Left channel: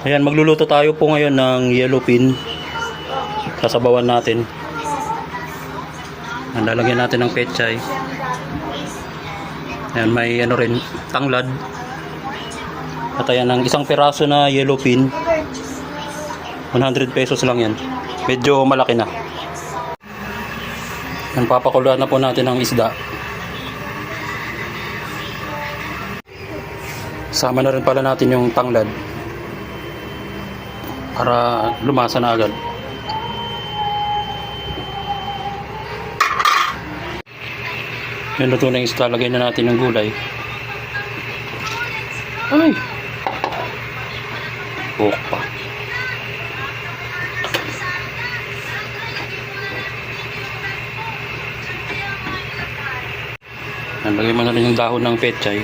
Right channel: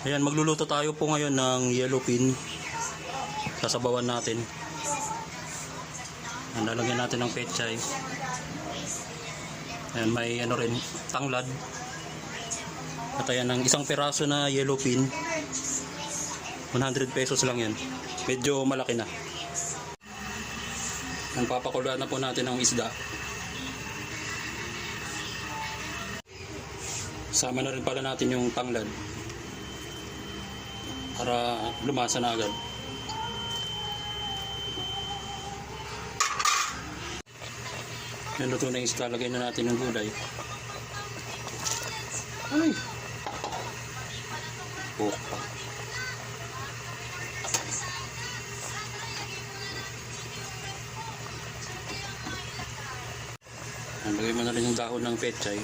Ayan, magluluto tayo po ngayon ng yellowfin. Sasabawan natin. Lalagyan natin ng pechay. Ayan, may ano rin, tanglad. At ayan, ang isang piraso na yellowfin, 100 pesos lang yan. Medyo malaki na. Ayan, papakuluan na po natin ang isda. Sama na rin pala natin yung tanglad para lumasa na agad. Yung luto na yung isda, lagay na natin yung gulay. Ay! Buhok pa. Lagay mo na rin yung dahon ng pechay.